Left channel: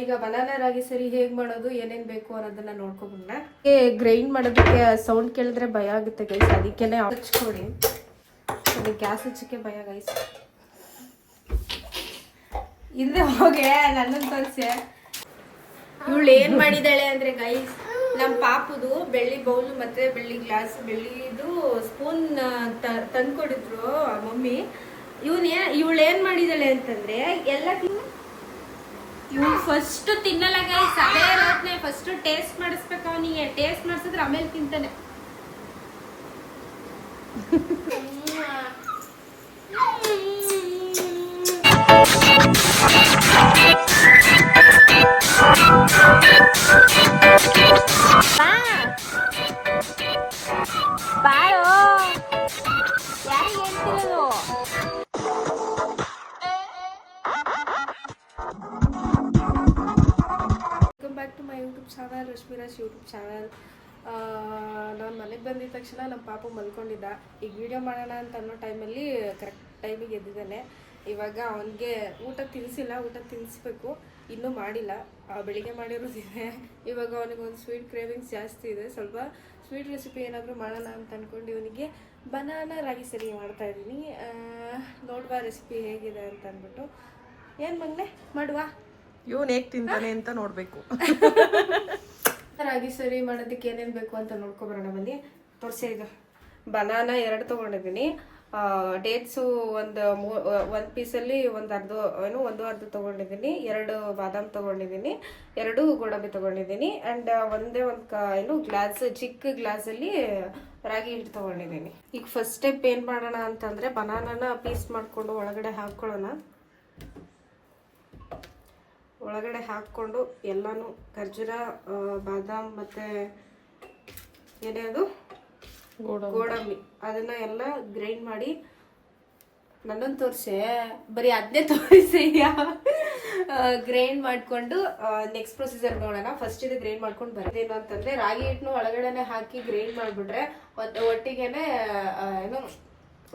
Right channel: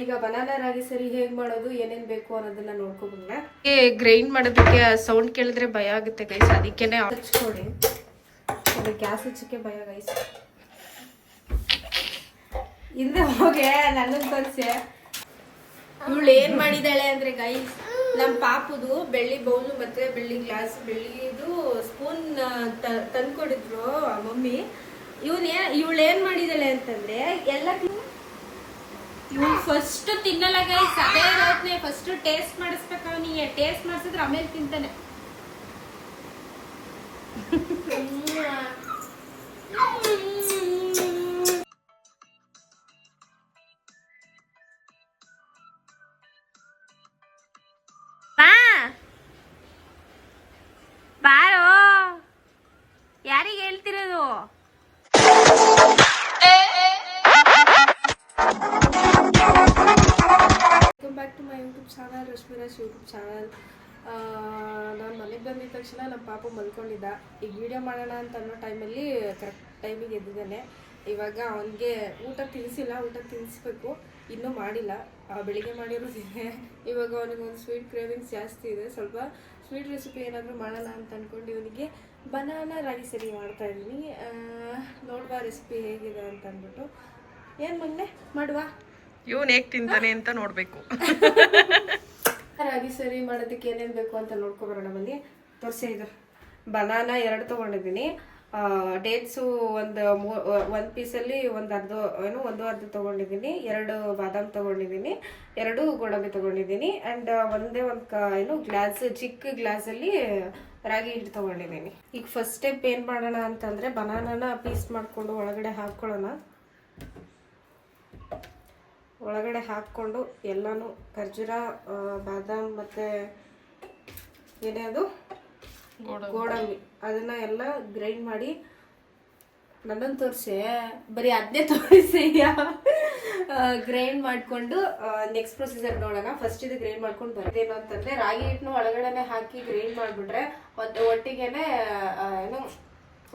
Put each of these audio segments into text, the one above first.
ಈಗ ಬನಾನಾ ರಾಗಿ ಸರಿ ಹೇಗ್ ಮಾಡೋದು ಏನೇನ್ ಬೇಕು ಅನ್ನೋದನ್ನ ನೋಡ್ಕೊಬಂದ್ರೆ ಗ್ರೈಂಡ್ ಮಾಡೋದಕ್ಕೆ ಸೌಂಡ್ ಕೇಳಿದ್ರೆ ಭಯ ಆಗುತ್ತೆ ಗೈಸ್, ಅದಕ್ಕೇನೆ ಹಚ್ಕೊಡಿ. ಇದು ಗ್ಯಾಸ್ ಹಚ್ಚಕ್ಕೆ ಭಯ ಗೈಸ್. ಹಿಂದೆ ಹೋಗಿ ನನ್ನನ್ನು ತೋರಿಸಿ ಇವಳು ಏನ್ ಮಾಡಿದಾಳೆ ಅಂದ್ರೆ ಗೈಸ್, ನಮ್ ಪಾಪುದು ಬೆಳ್ಳಿ ಬೌಲ್ ಮತ್ತೆ ಬೆಳ್ಳಿ ಗ್ಲಾಸ್ ಬೆಳ್ಳಿದು ಸ್ಪೂನ್ ತಂದ್ಕೊಡಿದ್ರು ಮಮ್ಮಿ. ಇವಳು ಏನ್ ಮಾಡಿದಾಳೆ ಅಂತಂದ್ರೆ ಎಲ್ಲ ಇವ್ನು ಫಸ್ಟ್ ತಿನ್ನಲ್ಲ ಗೈಸ್, ಅದೇ ಇರೋದ್ನೆ ಫಸ್ಟ್ ಟೇಸ್ಟ್ ಮಾಡಿಸ್ಬೇಕು ಅವನಿಗೆ. ಟೇಸ್ಟ್ ಮಾಡಿಸಿದ್ರೆ ಆಮೇಲೆ ತಿಂತಾನೆ. ಬಾಳು ಯಾರಿಗೆ ಹೇಳ್ತಿರೋದು? Welcome back to my YouTube channel, Rashmiraj YouTube channel. ನಾನು ಮನೆಗೆ ಬಂದಿದ ತಕ್ಷಣ ನಮ್ಮ ಪಾಪು ಮಲ್ಕೊಂಡಿದ್ದ. ಈಗ ವಿಡಿಯೋ ಮಾಡೋಣ ಅಂತ ಅನ್ನೋ ಟೈಮಲ್ಲಿ ಕರೆಕ್ಟ್ ಟೈಮಿಗೆ ಎದ್ದಿದ್ದಾನೆ. ಇವಾಗ ಅವನಿಗೆ ಊಟ ತಿನ್ನಿಸಿಲ್ಲ, ಊಟ ತಿನ್ನಿಸ್ಬೇಕು, ಇನ್ನೂ ಮಾಡಿಲ್ಲ. ಬೆಳಿಗ್ಗೆ ಮಾಡಿರೋದಿದೆ. ಇವಾಗ ಅವನಿಗೊಂದು ಸ್ವೀಟ್ ಕ್ರೇವಿಂಗ್ಸ್ ಜಾಸ್ತಿ ಇದೆ. ಸ್ವಲ್ಪ ಸ್ವೀಟ್ ರೆಸಿಪಿ ಏನಾದರೂ ಮಾಡೋಣ ಅಂತ ಅಂದ್ಕೊಂಡು ಇವನಿಗೆ ಬನಾನಾ ರಾಗಿ ಸರಿ ಮಾಡ್ತಾ ಇದ್ದೀನಿ. ನೋಡುವ ರೆಸಿಪಿ ಹೇಗಿದೆ ಅಂತ ಅಂದ್ಬಿಟ್ಟು. ಏನು ಮಗನೆ ಮಾಡುವ, ಇವನು ಹೇಗೆ ತಿಂತಾನೆ ಅಂತ ನೋಡಬೇಕು. ರಾಗಿ ಸರಿ ಮಾಡೋದಕ್ಕೆ ಏನೇನು ಬೇಕು ಅಂತ ನೋಡ್ಕೊಬರೋಣ ಬನ್ನಿ. ತೋರಿಸಿ, ಇದು ಬನಾನಾ 2 ತೊಗೊಂಡಿದ್ದೀನಿ. ಡೇಟ್ಸು ಒಂದು ಪೀಸಲ್ಲಿ ಒಂದು ಅರ್ಧ ತೊಗೊಂಡಿದ್ದೀನಿ. 2 ಬಾದಾಮ್ ತೊಗೊಂಡಿದ್ದೀನಿ. 2 ಗೋಡಂಬಿ ತೊಗೊಂಡಿದ್ದೀನಿ. ಆ್ಯಂಡ್ ಒಂದೇ ಒಂದು ಗ್ಲಾಸ್, ಚಿಕ್ಕ ಗ್ಲಾಸಲ್ಲಿ ರಾಗಿ ಹಿಟ್ಟು ತೊಗೊಂಡಿದ್ದೀನಿ. ಈಗ ಫಸ್ಟ್ ಸ್ಟೆಪ್ ಏನು ಮಾಡೋಣ ಅಂತಂದರೆ ಬನಾನಾನ ಪೀಸ್ ಮಾಡಿಕೊಂಡು ಒಳಗಡೆ ಹಾಕ್ಕೊಳ್ಳೋಣ. ಒಳಗಡೆ ಹಾಕ್ಕೊಂಡು ಎಲ್ಲನೂ ಖರ್ಜೂರ, ಬಾದಾಮ್ ಮತ್ತು ಏನೇ ಅದು ಗೋಡಂಬಿ ಅದನ್ನ ಎಲ್ಲ ಗ್ರೈಂಡ್ ಮಾಡಿ, ನನ್ನನ್ನು ತೋರಿಸಿ ಬರೀ ಅದನ್ನೇ ತೋರಿಸಿ ಗ್ರೈಂಡ್ ಮಾಡಿಕೊಂಡು ನೆಕ್ಸ್ಟ್ ಪ್ರೊಸೀಜರ್ ನೋಡೋಣ. ಫಸ್ಟ್ ಇದು ಗ್ರೈಂಡ್ ಮಾಡ್ಕೊಂಡು ಬರೋದೇನು ಅಂತಂದರೆ ರಾಗಿ ಹಿಟ್ಟನ್ನು ಒಳಗಡೆ ಹಾಕಿ ಗ್ರೈಂಡ್ ಮಾಡಿಬಿಟ್ರೆ ಒಟ್ಟಿಗೆನೆ ಏನು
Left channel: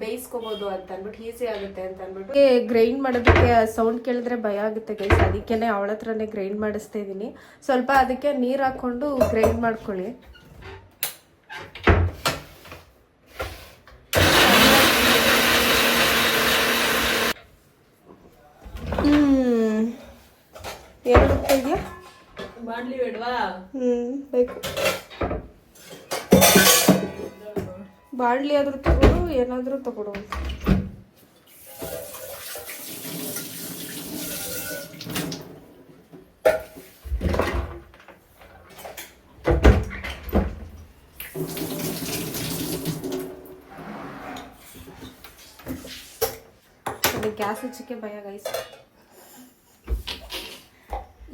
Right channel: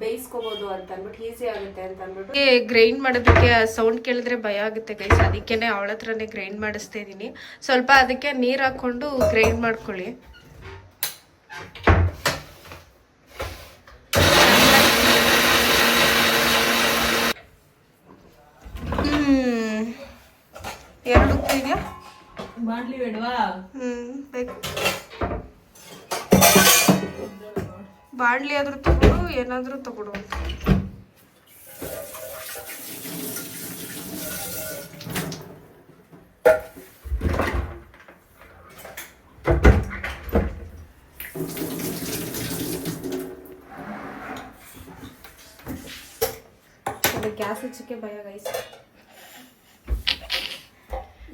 ಬೇಯಿಸ್ಕೋಬೋದು ಅಂತ ಅಂದ್ಬಿಟ್ಟು ಈಸಿ ಆಗುತ್ತೆ ಅಂತ ಅಂದ್ಬಿಟ್ಟು ಗ್ರೈಂಡ್ ಮಾಡೋದಕ್ಕೆ ಸೌಂಡ್ ಕೇಳಿದ್ರೆ ಭಯ ಆಗುತ್ತೆ ಗೈಸ್, ಅದಕ್ಕೇನೆ ಅವಳ ಹತ್ರನೇ ಗ್ರೈಂಡ್ ಮಾಡಿಸ್ತಾ ಇದ್ದೀನಿ. ಸ್ವಲ್ಪ ಅದಕ್ಕೆ ನೀರು ಹಾಕ್ಕೊಂಡು ಗ್ರೈಂಡ್ ಮಾಡ್ಕೊಳ್ಳಿ. ಎರಡು ಇದೆಯಾ ಮಾಡ್ಲಿ ಬೇಡವಾ? ಬೇಕು. ಬಾಡ್ಲಿ ಆದ್ರೂ ತಗೊಡು, ಏನಾದ್ರೂ ತಗೊಡು. ಗ್ಯಾಸ್ ಹಚ್ಚಕ್ಕೆ ಭಯ ಗೈಸ್.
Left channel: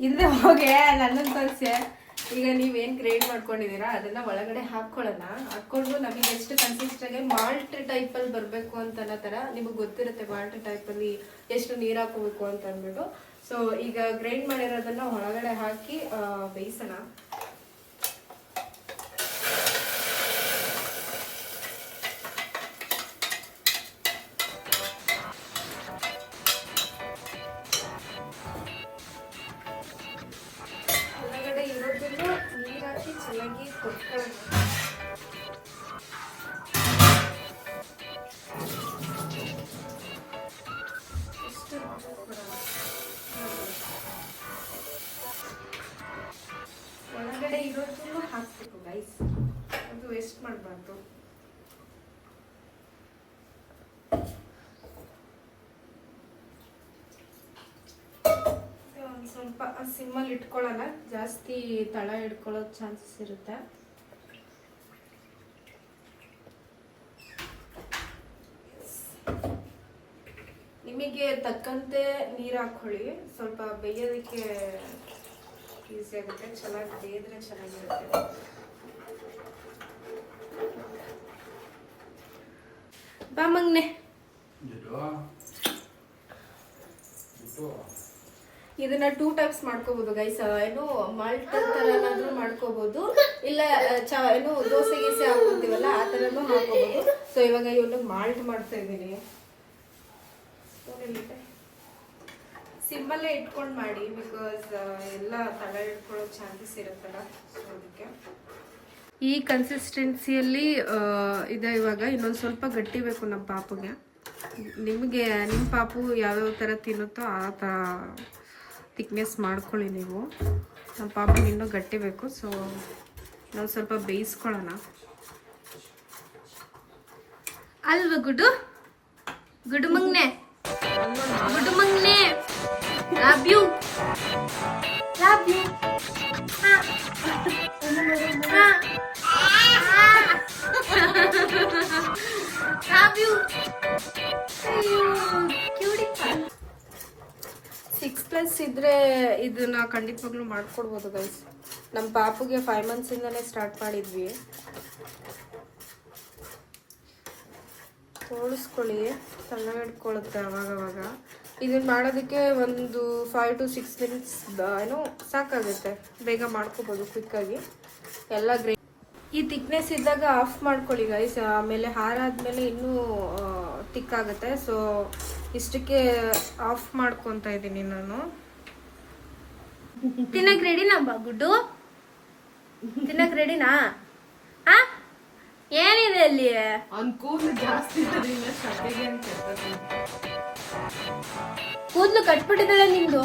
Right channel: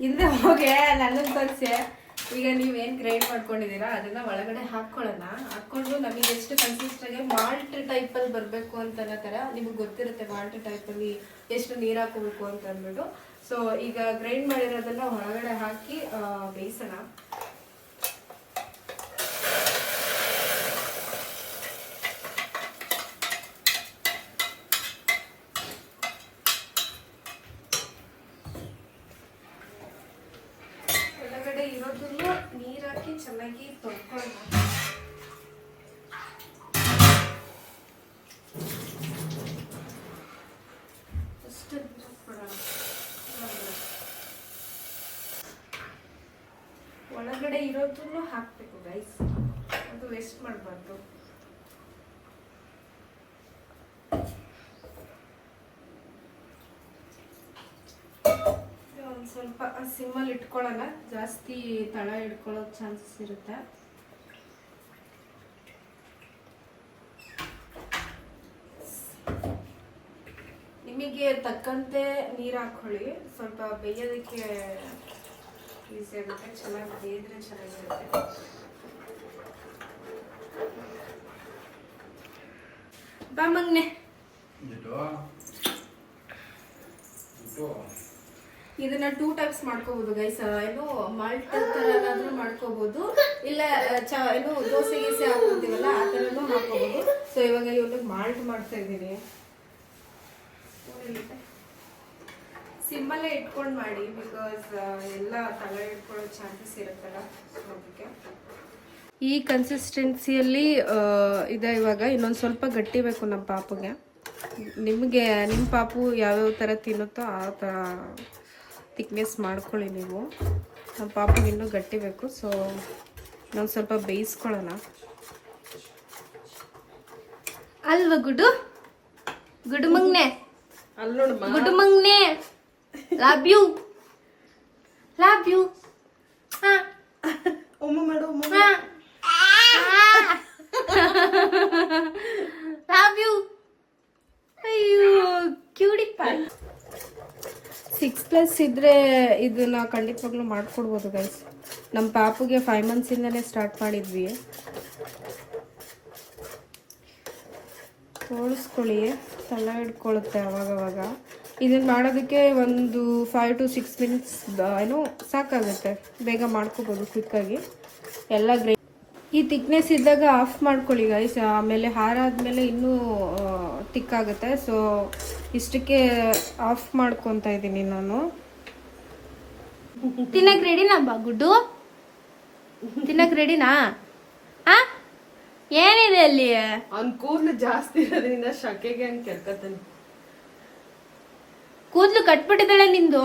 ಹಿಂದೆ ಹೋಗಿ ನನ್ನನ್ನು ತೋರಿಸಿ. ಈಗ ನೀವೇನು ಗ್ರೈಂಡ್ ಮಾಡ್ಕೊಂಡಿದ್ದೀರಾ ಅದನ್ನ ಒಳಗಡೆ ಹಾಕ್ಕೊಳ್ಳೋಣ. ಹಾಕ್ಕೊಂಡು ನಮಗೆ ಎಷ್ಟು ಕನ್ಸಿಸ್ಟಾಗಿ ಮಾಲ್ಟ್ ಟೈಪಲ್ಲಿ ಬರಬೇಕು ಅಂತ ಅನ್ನೋ ಥರ ನಿಮಗೆ ಗೊತ್ತಿರುತ್ತೆ. ಮಾಲ್ಟ್ ಟೈಪಲ್ಲಿ ಎಷ್ಟು ನೀರು ಹಾಕೋಬೇಕು ಅಂತ ಅಂದ್ಬಿಟ್ಟು. ಸೊ ಈಗ ಗ್ರೈಂಡ್ ಮಾಡಿರೋದನ್ನ ಒಳಗಡೆ ಹಾಕಿ ಬೇಯಿಸೋಣ. ಒಳಗಡೆ ಇರೋದನ್ನು ನೀರು ಹಾಕಿ ಚೆನ್ನಾಗಿ ಕೊಟ್ಕೊಳ್ಳೋಣ. ಒಳಗಡೆ ಇರೋದನ್ನು ಹಾಕ್ಬೇಕು ಗೈಸ್, ಅದು ವೇಸ್ಟ್ ಮಾಡಬಾರ್ದು. ಒಂದು ಸ್ವಲ್ಪ ಸಿಮ್ಮಲ್ಲಿ ಇಟ್ಕೊಳ್ಳೋಣ, ಜಾಸ್ತಿ ತಳ ಹಿಡ್ಕೊಳ್ಳೋ ಚಾನ್ಸಸ್ ಇರುತ್ತೆ. ನಿಮಗೆ ತಕ್ಕಂತೆ ನೀರು ಹಾಕೊಳ್ಳಿ. ಸ್ವಲ್ಪ ಬೇಯೋದಕ್ಕೆ ಈಸಿ ಆಗುತ್ತೆ, ಚೆನ್ನಾಗಿ ಬೇಯಿದ್ರೆ ಚೆನ್ನಾಗಿರುತ್ತೆ. ಬಾ ಮಗ್ನೆ. ಇದನ್ನ 2 ಟೈಪ್ಸ್ ಮಾಡ್ಕೋಬಹುದು ಗೈಸ್. ಏನು ಮಾಲ್ಟ್ ತರ ಏನಾದ್ರೂ ಮಾಡ್ಕೋಬಹುದು, ಇಲ್ಲ ಏನು ದೋಸೆ ಗೀಸೆ ಹಾಕೋತೀವಲ್ಲ ಆ ತರನು ಹಾಕೋಬಹುದು. ಸೊ ಇವಾಗ ಇವನಿಗೆ ಮಾಲ್ಟ್ ಮಾಡ್ತಾ ಇದ್ದೀನಿ. ಸಿಮ್ಮಲ್ಲೇ ಇಟ್ಕೊಂಡು ಮಾಡಿ, ಬಿಕಾಸ್ ಎಲ್ಲ ತಲೆ ಇಟ್ಕೊಳ್ಳೋ ಚಾನ್ಸಸ್ ಇರುತ್ತಲ್ಲ, ಅದಕ್ಕೆ. ಈ ಕನ್ಸಿಸ್ಟೆನ್ಸಿಯಲ್ಲಿ ಇದೆ ಇವಾಗ. ಇನ್ನೊಂದು ಸ್ವಲ್ಪ ಗಟ್ಟಿ ಬೇಕು ನಮ್ಮ ಪಾಪುಗೆ. ನಿಮಗೆ ನಿಮ್ಮ ಪಾಪು ಯಾವ್ಯಾವ ಥರ ತಿನ್ನುತ್ತೋ ಆ ಥರ ಥಿಕ್ನೆಸ್ ಮಾಡ್ಕೊಳ್ಳಿ ನೀವು. ನಮ್ಮ ಪಾಪುಗೆ ಇನ್ನೂ ಗಟ್ಟಿ ಬೇಕು, ಸೊ ಇನ್ನೊಂದು ಸ್ವಲ್ಪ ಬೇಯಿಸ್ಕೊಳ್ಳೋಣ ಅಲ್ವಾ ಗುಡು? ಗುಡು ಮಂಗ್ನೆ, ಗುಡು ಮಂಗ್ನೆ, love you, love you. Love you. ಅಯ್ಯೋ ಕ್ಯೂಟಿ ಪನ್. 6+ ಇದ್ರೆ ಇದನ್ನ ಖಂಡಿತವಾಗ್ಲೂ ಮಾಡ್ಕೊಡ್ಬೋದು ಗೈಸ್. ನಮ್ಮ ಪಾಪುಗೆ 5 ಮಂತ್ಸಿಂದನೇ ಸ್ಟಾರ್ಟ್ ಮಾಡಿದ್ವಿ. ತೋರಿಸ್ಕೊಳ್ಳಿ, ತಲ ಹಿಡ್ಕೊಳುತ್ತೆ ಅವಾಗವಾಗ. ಇದನ್ನ ಮಾಡೋದಕ್ಕೆ ಒಂದು 5 to 6 minutes ಏನು ಸಾಕಾಗುತ್ತೆ, ಬೇಗ ಮಾಡ್ಕೋಬೋದು ಕ್ವಿಕ್ಕಾಗಿ. ಎಲ್ಲ ಗ್ರೇ ಈ ಥಿಕ್ನೆಸ್ ಇದ್ದಾಗ ಆಫ್ ಮಾಡ್ಕೊಳ್ಳಿ ಗೈಸ್. ಆಮೇಲೆ ಹಾರ ಆದಮೇಲೆ ಇನ್ನೂ ತಿಕ್ಕಾಗುತ್ತೆ. ಸೊ ಇಷ್ಟಕ್ಕೆ ಆಫ್ ಮಾಡ್ಕೊತಾ ಇದ್ದೀನಿ ನಾನು. ತಿನ್ನಕ್ಕೆ ರೆಡಿನಾ ಗುಡ್ಡು? ತಿನ್ನಕ್ಕೆ ರೆಡಿನಾ? ಏನಿದೆ ಅಲ್ಲಿ? ಅವ್ನ್ ಕೂದಲು ಜಾಸ್ತಿ ಇರೋದ್ರಿಂದ ಶಕೆಗೆ ಅಂತ ಕೆಡ್ತಾನೆ. ಕೂದಲು ಕಟ್ಬಿಟ್ಟಿದ್ದಾಳೆ ನಿಂದು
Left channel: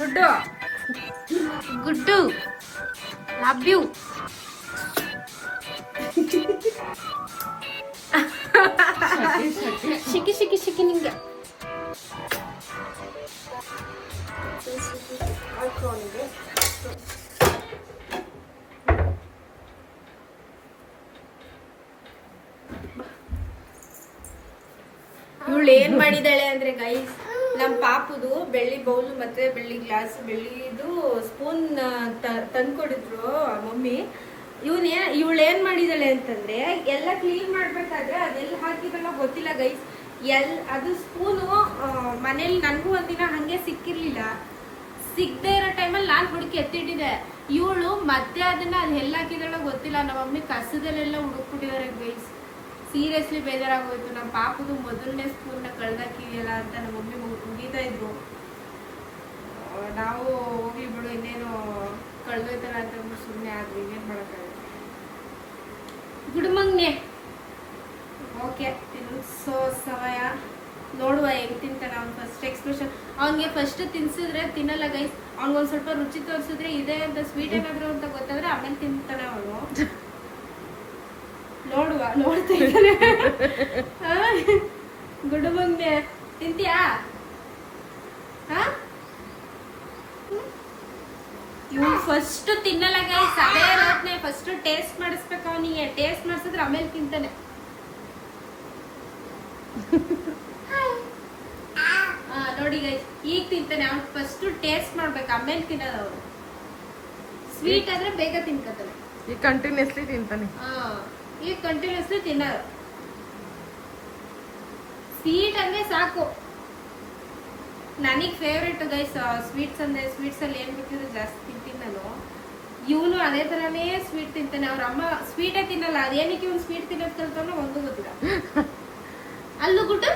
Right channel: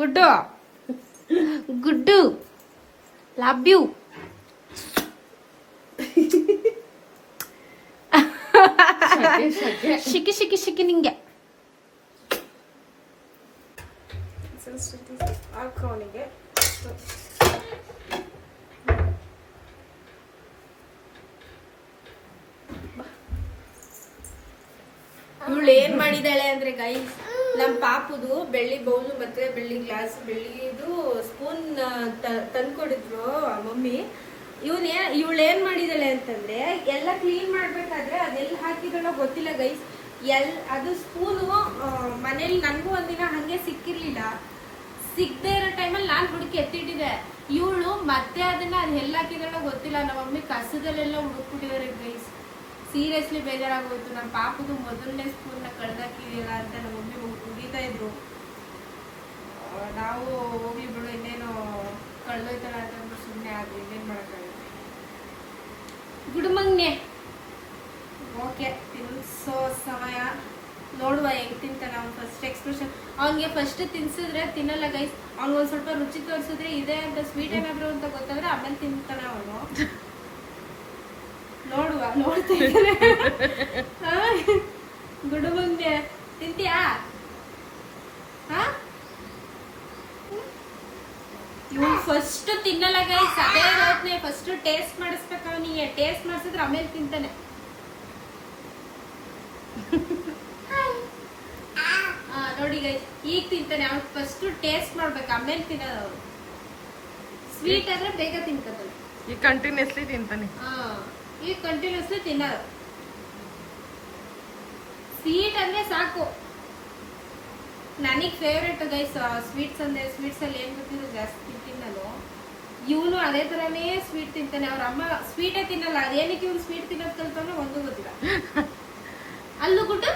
ಗುಡ್ಡು. ಗುಡ್ಡು ಲವ್ ಯು. ಶಿಕಿ ಶಿಕಿ ಶಿಕಿ ನಿಂಗೆ ಹಾಕೋನಿಗೆ. ಇವಳು ಏನ್ ಮಾಡಿದಾಳೆ ಅಂದ್ರೆ ಗೈಸ್, ನಮ್ ಪಾಪುದು ಬೆಳ್ಳಿ ಬೌಲು ಮತ್ತೆ ಬೆಳ್ಳಿ ಗ್ಲಾಸ್, ಬೆಳ್ಳಿದು ಸ್ಪೂನ್ ತಂದ್ಕೊಡಿದ್ರು ಮಮ್ಮಿ. ಇವಳು ಏನ್ ಮಾಡಿದಾಳೆ ಅಂತಂದ್ರೆ, ಎಲ್ಲ ಕ್ಲೀನ್ ಮಾಡ್ಬೇಕಾದ್ರೆ ಅದೆಲ್ಲ ಹಾಕಿದಲ್ಲ ಗೊತ್ತಿಲ್ಲ ಗೈಸ್. ಅದು ಸ್ಪೂನು ಮನೇಲಿ ನನ್ಗೂ ಒಂದಿನ ಹಂಗೆ ಸಿಕ್ಕಿರ್ಲಿಲ್ಲ. ಸಿಗದೆ ಇರೋ ಟೈಮಲ್ಲಿ ನಾನು ಹುಡುಕಿ ಎತ್ತಿಟ್ಟಿದೆ. ಇವಳು ಮತ್ತೆ ಅದನ್ನ ಎಲ್ಲ ಹಾಕಿದಳ ಗೊತ್ತಿಲ್ಲ. ನಮ್ಮ ಮಮ್ಮಿ ಕಸದಲ್ಲೆಲ್ಲ ಹುಡುಕ್ಬಿಟ್ಟಿದ್ದಾರೆ ಗೈಸ್. ಸೀರಿಯಸ್ಲಿ ಬೇಜಾರಾಗೋಯ್ತು. ನಮ್ಮ ಪಾಪದು ಮೊದಲನೇ ಸ್ಪೂನ್ನ ಕಳ್ದಾಕಿದೆಯಲ್ಲ ಅಂತ ನಮ್ಮ ಮಮ್ಮಿ ಮುಗಿತಾ ಇದ್ರು. ನಾವು ಹೋಗಿ ಬಿಡು ಇನ್ನೇನು ಕಳ್ದೋಯ್ತಲ್ಲ ಅಂತ ಸುಮ್ಮನೆ ಆದ್ವಿ. ಇನ್ನೇನು ಮಾಡೋಕ್ಕಾಗುತ್ತೆ. ಗುಡುಮಂಗ್ನೆ ಓಕೆ, ತಿನ್ಸೋ ಸಮಯ. ನೋಡುವ ಹೆಂಗ್ ತಿಂತಾನೆ ಅವ್ನು. ಫಸ್ಟ್ ಎಕ್ಸ್ಪ್ರೆಷನ್ ಅವ್ನಿಗೆ ಫಸ್ಟ್ ತಿನ್ಸಿದ್ರೆ ತಿನ್ನಲ್ಲ ಗೈಸ್. ಅವ್ನಿಗೊಂದು ಸ್ವಲ್ಪ ರುಚಿ ತೋರಿಸಿದ್ರೆ ಇದೆ ಅಂತ ಸ್ವೀಟ್ ಏನಾದ್ರು ಅಂತ ಗೊತ್ತಾದ್ರೆ ಆಮೇಲೆ ತಿಂತಾನೆ ಅವನು. ನೋಡುವ, ನೋಡ್ತಿದ್ದಾನೆ. ಗುಡುಮಂಗ್ನೆ ತಿಂತೀಯಾ? ಇವ್ನು ಫಸ್ಟ್ ತಿನ್ನಲ್ಲ ಗೈಸ್. ಅದೇ ಇರೋದ್ನೆ ಫಸ್ಟ್ ಟೇಸ್ಟ್ ಮಾಡಿಸ್ಬೇಕು ಅವನಿಗೆ. ಟೇಸ್ಟ್ ಮಾಡಿಸಿದ್ರೆ ಆಮೇಲೆ ತಿಂತಾನೆ. ನೋಡಿ ಗೈಸ್, ಈಗ ತಿಂತಾನೆ. ಅವ್ನು ಫಸ್ಟ್ ಟೇಸ್ಟ್ ಮಾಡ್ಬೇಕು, ಆಮೇಲೆ ತಿನ್ನೋದು ಅವನು. ಸ್ವೀಟ್ ಆದ್ರೆ ಬೇಗ ತಿನ್ಕತಾನೆ. ಈಗ ಕಂಟಿನ್ಯೂಸ್ಲಿ ತಿಂತಾನೆ. ಈಗ ಕಂಟಿನ್ಯೂಸ್ಲಿ ತಿನ್ನೋದು. ಸ್ವೀಟ್ ಅಂದ್ರೆ ಸಾಕು. ನನಗ್ ಫೇವ್ರೇಟ್ ಗೈಸ್ ಸ್ವೀಟ್ಸ್ ಅಂದ್ರೆ. ಸ್ವೀಟ್ಸ್ ಅಲ್ಲಿ ಏನ್ ಗೊತ್ತಿದ್ರೆ ಜಾಸ್ತಿ ತಿಂತೀನಿ ನಾನು. ಇವನು ಅದೇ ತರಾನೇ ಸ್ವೀಟ್ ತಿಂತಾನೆ. ಅವ್ರ ಅಮ್ಮ ಸ್ವೀಟೇ ತಿನ್ನಲ್ಲ. ಅದೇನಕ್ಕೆ ಇವ್ನು ಸ್ವೀಟ್ ತಿನ್ನೋದ್ ಕಲ್ತಾನೋ ಒಂದು ಗೊತ್ತಿಲ್ಲ. ಅಲ್ಲೂ ಗುಡ್ಡು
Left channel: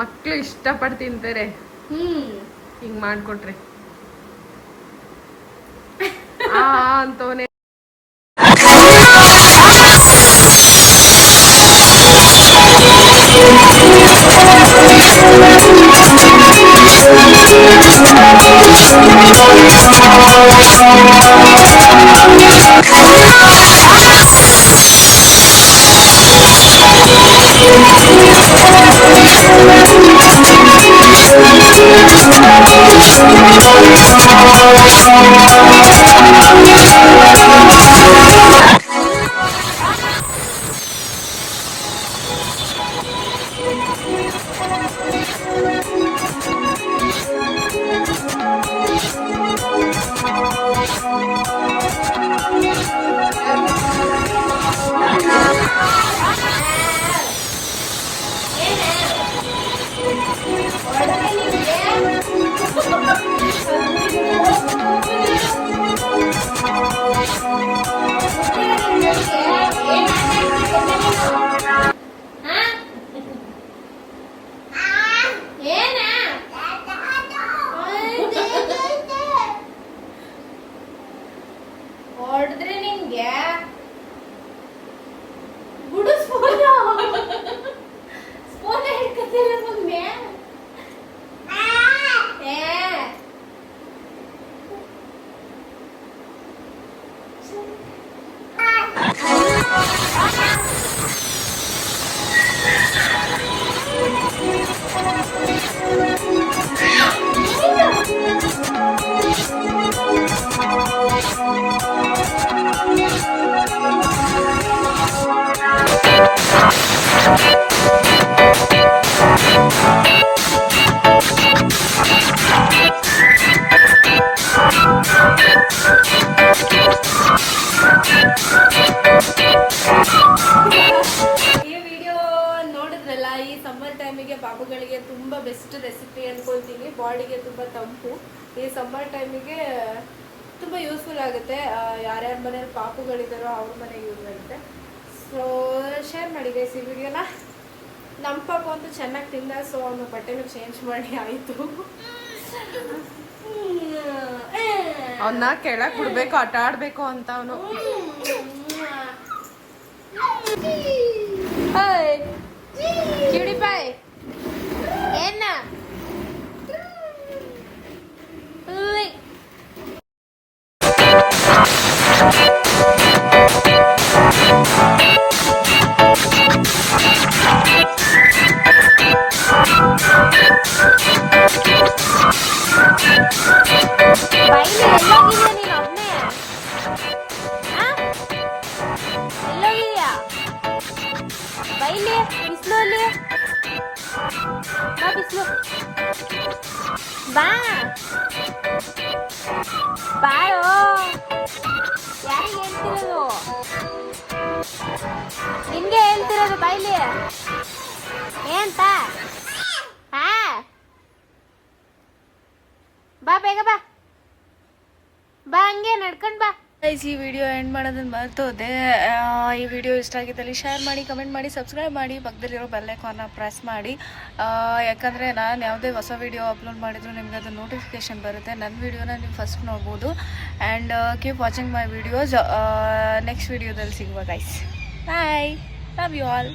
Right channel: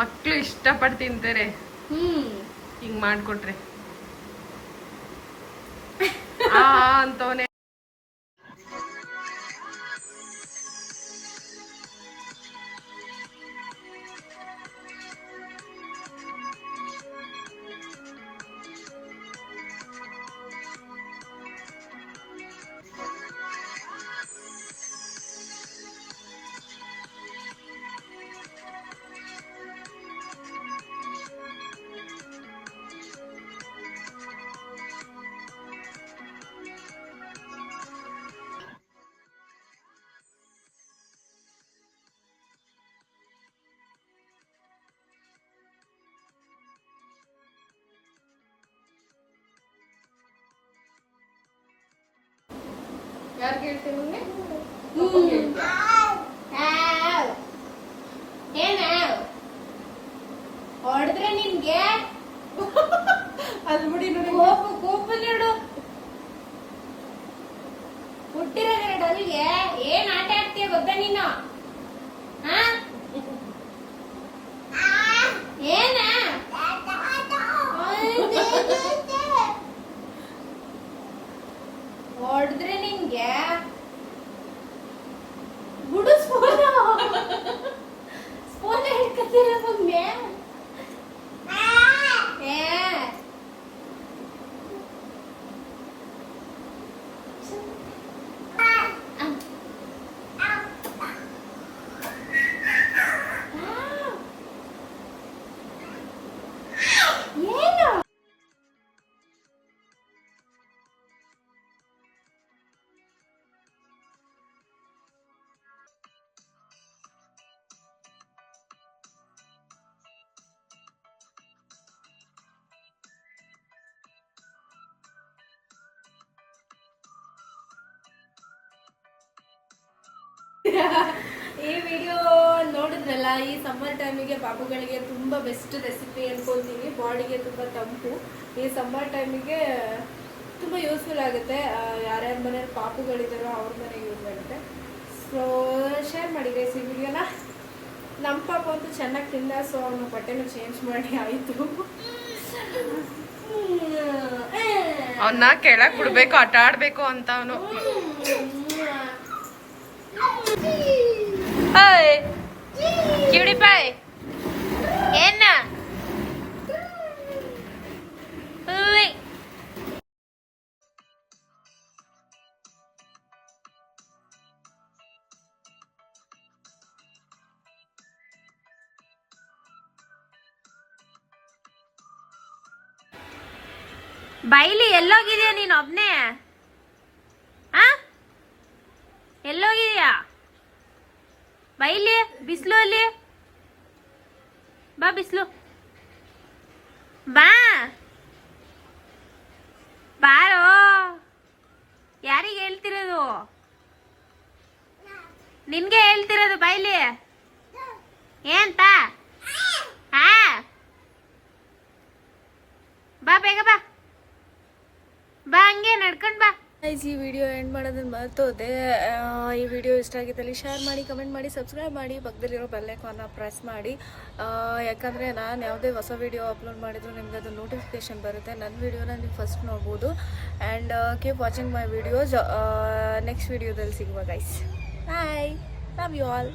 ಮಕ್ಳು ಇಷ್ಟಪಟ್ಟು ತಿಂತಾರೆ ಹಿಂಗ್ ಮಾಡ್ಕೊಟ್ರೆ. ಅಂತವನೇ ತುಂಬ ಬೆಸ್ಟ್ ರೆಸಿಪಿ ಅಂದ್ಕೊಳ್ತೀನಿ. ಬಾಡಿಗೆ ತುಂಬ ತಂಪು, ಈ ಸಮ್ಮರ್ ಟೈಮಿಗೆ ತುಂಬ ಯೂಸ್ಫುಲ್ ಆಗುತ್ತೆ. ಯಾರ್ಯಾರ ಮನೇಲಿ ಪಾಪುಗಳಿದ್ದಾರೋ ಅವ್ರ ಮನೆಗೆ ಯೂಸ್ ಆಗುತ್ತೆ. ಸೊ ಶೇರ್ ಮಾಡಿ ಗೈಸ್ ಈ ವಿಡಿಯೋನ. ನಮ್ಮ ಪಾಪ ಅಂತೂ ಚೆನ್ನಾಗಿ ತಿಂದ, ಸೊ ಅವನು ಬಟ್ಟೆನೂ ಚೇಂಜ್ ಮಾಡಿ ಆಯಿತು. ಅವನ್ನ ಕೆಳಗೆ ಬಿಡ್ಬೇಕು, ಆಟ ಆಡ್ಬೇಕು ಅಂತ ಅವನು. ಕ್ಯೂಡಿ ಪಾಯ್ ಏನ ಬೈಲಿ ಎಲ್ಲೋಗಿದ್ಯಾ ನೀನು ಒಬ್ನೇ? ಎಲ್ಲೋಗಿದ್ಯಾ ಬೈಲಿ? ಬಿಸಿಲು ಅಲ್ಲಿ ಬಾ, ಬಿಸಿಲು ಬಾ ಬಾಳೋ. ಯಾರಿಗೆ ಹೇಳ್ತಿರೋದು? ನಿನ್ಗೆ ಹೇಳ್ತಿರೋದು. ಬೈಲಿ ಏಂತ? ಹಾ ಬಾ, ಬೇಗ ಬಾ ಬಾ, ಹಂಗೆ ನಡ್ಕೊಂಡು ಬಾ. ಗೈಸ್ ಈ ವಿಡಿಯೋ ಎಂಡ್ ಮಾಡೋದನ್ನ ಮರ್ತೋದೆ. ಈ ವಿಡಿಯೋ ಇಷ್ಟ ಆಗಿದ್ದಲ್ಲಿ ಶೇರ್ ಮಾಡಿ, ಕಮೆಂಟ್ ಮಾಡಿ, ಸಬ್ಸ್ಕ್ರೈಬ್ ಮಾಡಿ, ಪಕ್ಕದಲ್ಲಿರೋ ಬೆಲ್ ಐಕಾನ್ನ ಪ್ರೆಸ್ ಮಾಡಿ. ಯಾಕಂದರೆ ನಾನು ಯಾವುದೇ ಹೊಸ ವಿಡಿಯೋ ಅಪ್ಲೋಡ್ ಮಾಡಿದ್ರು ನಿಮ್ಗೆ ಅದು ನೋಟಿಫಿಕೇಷನ್ ಬರುತ್ತೆ. ನನ್ನ ವಿಡಿಯೋನ ನೀವು ಫಸ್ಟ್ ನೋಡ್ಬೋದು. And keep watching my videos. Next ವಿಡಿಯೋದಲ್ಲಿ ಸಿಗುವ guys. Bye, love you all.